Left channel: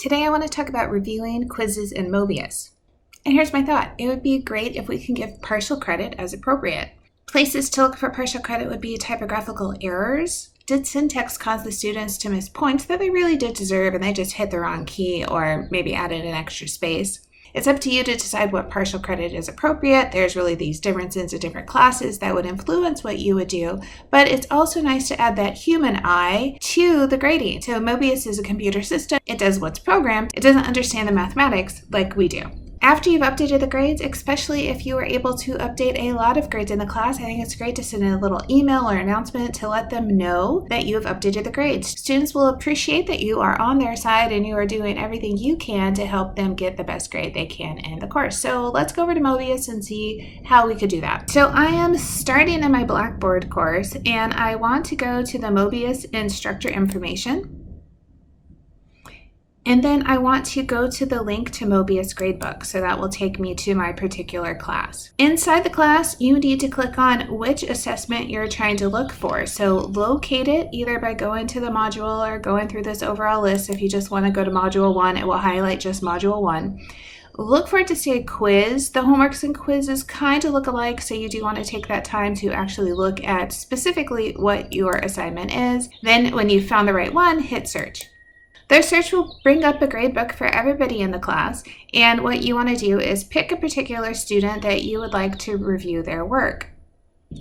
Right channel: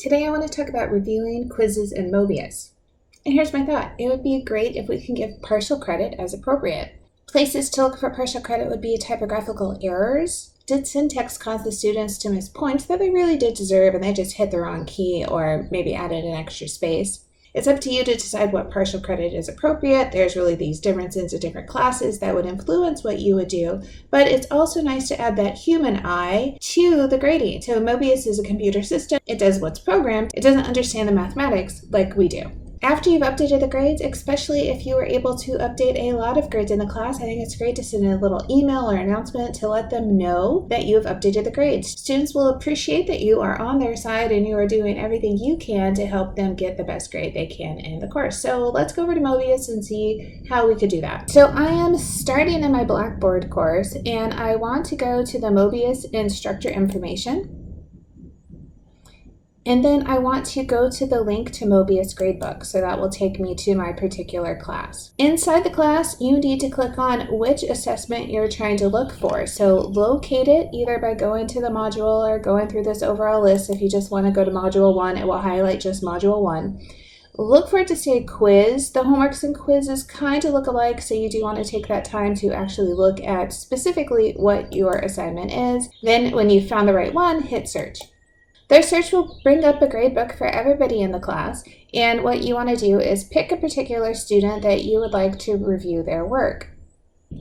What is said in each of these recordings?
Today I want to talk about reviewing quizzes in Mobius. And here's my thought. It would be great if we can give partial credit as appropriate. Places to look for partial credit would be typographical errors. Did syntax cause the students to miss points that they really did deserve and they just hit the wrong key or maybe added an extra space? It's up to you to decide what partial credit is appropriate. There's really these differences in different classes that would influence what you would do, but it's also nice to add that human eye to the grading. So Mobius is a computer system. It does what's programmed. It doesn't understand the mathematics like we do. After you've updated the grades, especially if you were able to update a lot of grades in the class, I think it's great to send a little email or announcement to let them know that you have updated the grades. Students will appreciate that you are on their side and you are doing everything you can to help them get the best grade they can in the course. So let's go over to Mobius and see how we could do that. So I am starting in my Blackboard course and I want to go to the Mobius instructor information. And then I want to go to the link to Mobius Gradebook, so that will take me to my particular class. Inside the class, you need to click on which assessment you're trying to look for. So locate it either by going to the module or going through this overall list. If you just want to go to Module 1, it will highlight just Module 1. Look for it to say quiz. The homeworks and quizzes kind of look alike, so you do want to take that time to actually look at specifically what your assignment is. Then when you've found the right one, hit search. Their search will bring up a gradebook for everybody in the class, and what you want to do is pick a particular student that you would like to review their work.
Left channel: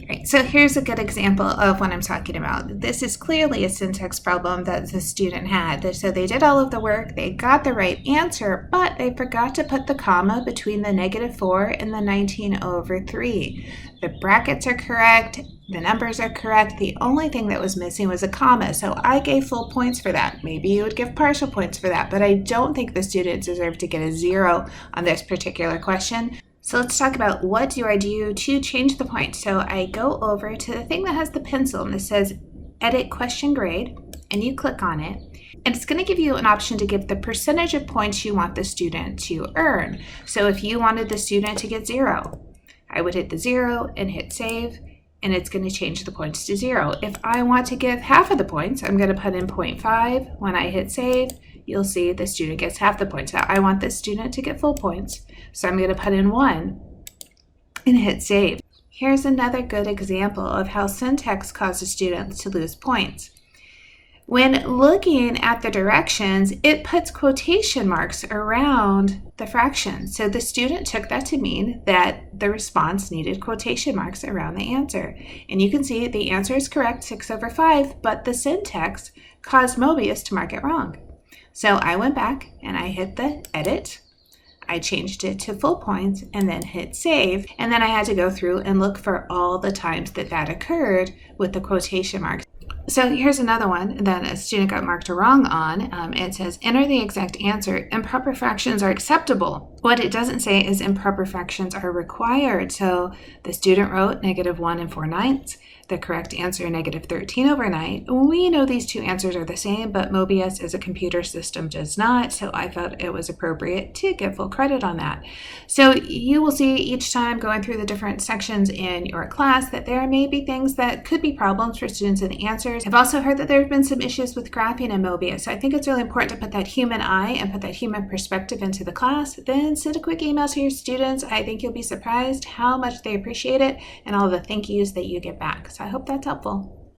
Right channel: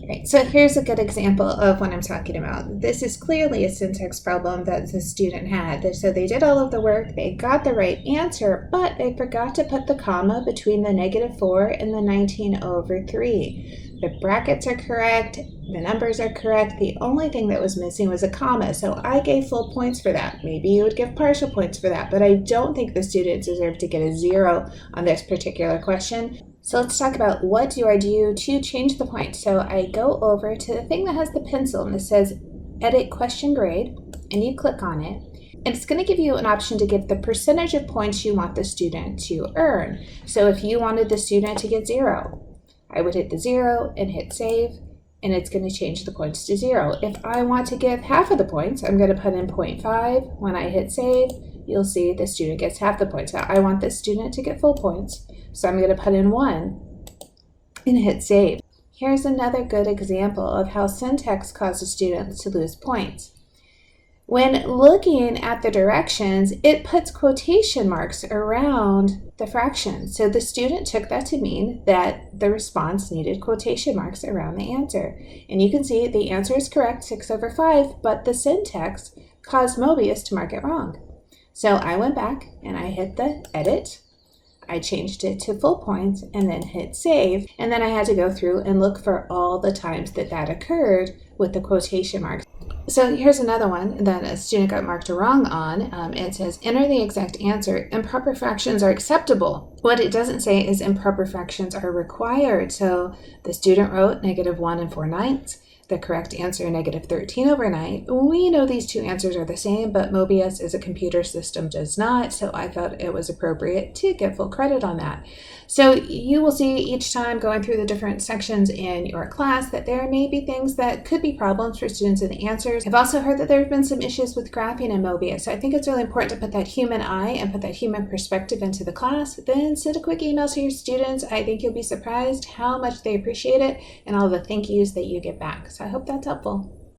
Right, so here's a good example of what I'm talking about. This is clearly a syntax problem that the student had. So they did all of the work, they got the right answer, but they forgot to put the comma between the -4 and the 19/3. The brackets are correct, the numbers are correct. The only thing that was missing was a comma, so I gave full points for that. Maybe you would give partial points for that, but I don't think the student deserved to get a 0 on this particular question. So let's talk about what do I do to change the point. So I go over to the thing that has the pencil and it says edit question grade, and you click on it. And it's going to give you an option to give the percentage of points you want the student to earn. So if you wanted the student to get 0, I would hit the 0 and hit save, and it's going to change the points to 0. If I want to give half of the points, I'm going to put in 0.5. When I hit save, you'll see the student gets half the points. Now, I want this student to get full points, so I'm going to put in 1 and hit save. Here's another good example of how syntax causes students to lose points. When looking at the directions, it puts quotation marks around the fractions. So the student took that to mean that the response needed quotation marks around the answer. And you can see the answer is correct, 6/5, but the syntax caused Mobius to mark it wrong. So I went back and I hit the edit. I changed it to full points and then hit save. And then I had to go through and look for all the times that that occurred with the quotation marks. So here's another one that a student got marked wrong on. It says, enter the exact answer. Improper fractions are acceptable. What it doesn't say is improper fractions are required. So the student wrote -1 4/9. The correct answer, -13/9. We know these two answers are the same, but Mobius as a computer system does not, so I felt it was appropriate to give full credit on that. So you will see each time going through the different sections in your class that there may be things that could be problems for students in the answers. I've also heard that there have been some issues with graphing in Mobius, so I think it's really important to put that human eye and put that human perspective into the class. Then send a quick email to your students. I think you'll be surprised how much they appreciate it and all the thank yous that you get back. So I hope that's helpful.